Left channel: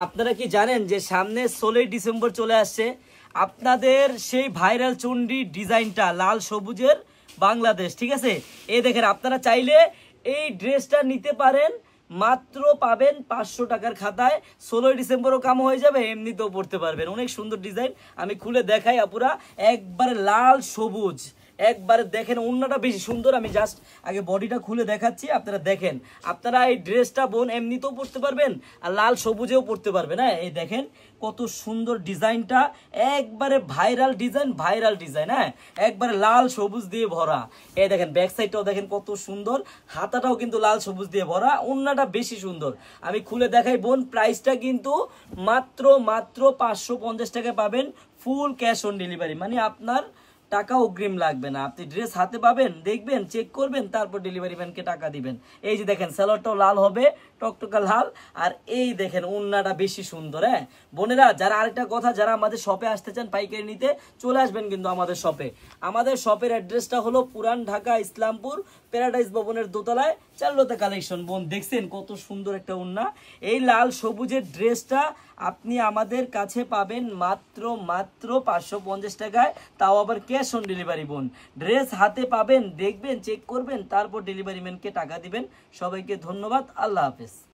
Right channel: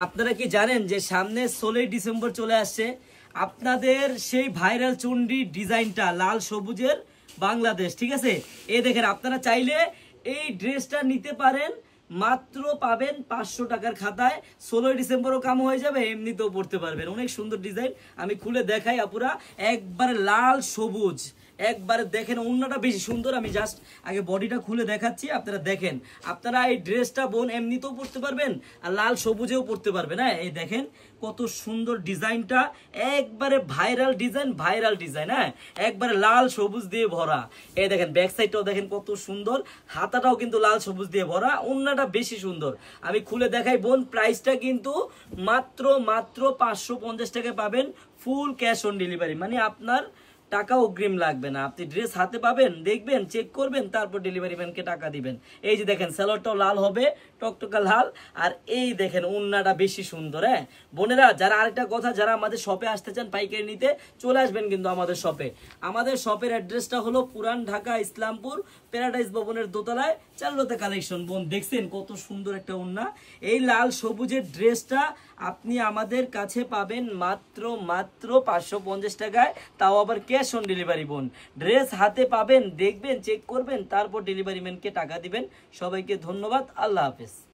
আপনারা কি জানেন যে সামনে 16 ডিসেম্বর চলে আসছে। আপনাদের সেই ভাইরাল চুন্ডি ডিজাইনটা লাল সবুজের বাংলাদেশ, ঠিক আছে। এই দেখেন, আপনারা চাইলে এই ড্রেসটা নিতে পারেন, মাত্র পাবেন 500 টাকার খাতায়। 16 ডিসেম্বরও কাম হয়ে যাবে, এমনিতেও পড়তে পারবেন। অনেক সুন্দর ডিজাইন, আমি খুলে দেখাই আপুরা। একবারে লাল সবুজ, একবারে দেখেন ওন্নাটা বেশি সুন্দর। আমি জাস্ট আগে বডিটা খুলে দেখাচ্ছি, আপনারা দেখেন। আপনারা এই ড্রেসটা বোন এমনিতেও পরতে পারবেন আর লাল সবুজেও পরতে পারবেন। হ্যাঁ, এই দেখেন কত সুন্দর ডিজাইনটা, একবারে ভাইরাল ডিজাইন। হ্যাঁ, একবারে লাল সবুজ দিয়ে ভরা। এই দেখেন ব্যাক সাইডটাও দেখেন কত সুন্দর, হাতাটাও কিন্তু লাল সবুজ দিয়ে ভরা, ওন্নাটা বেশি সুন্দর। আমি খুলে দেখাই বোন, প্রাইসটা কিন্তু মাত্র 550 টাকায় পাবেন, ফুল ক্যাশ অন ডেলিভারি। মানে আপনার টাকা অগ্রিম লাগবে না, আপনি ড্রেস হাতে পাবেন, দেখবেন, চেক করবেন, তারপর ডেলিভারি ম্যানকে টাকা দিবেন। এই যে দেখেন সালোয়ারটাও লাল হবে, টকটকা লাল। আর এই দেখেন ওন্নাটা বেশি সুন্দর। হ্যাঁ বোনেরা, যারা আরেকটা কথা, যারা আমাদের শপে আসতে চান পাইকারি নিতে, চলে আসবেন কিন্তু আমাদের শপে। আমাদের শপের অ্যাড্রেসটা হলো পুরান ঢাকা ইসলামপুর প্যারাডাইস ভবনের দোতলায়, চাল্লোতে কালেকশন। বোন দেখছেন কত সুন্দর একটা ওন্না। এই লাল সবুজের ড্রেসটা আপনি আমাদের কাছে পাবেন মাত্র 550 টাকায়, তাও আবার ক্যাশ অন ডেলিভারি। বোন ড্রেস হাতে পাবেন, দেখবেন, চেক করবেন, তারপর ডেলিভারি ম্যানকে টাকা দিবেন। সবাইকে ধন্যবাদ, আল্লাহ হাফেজ।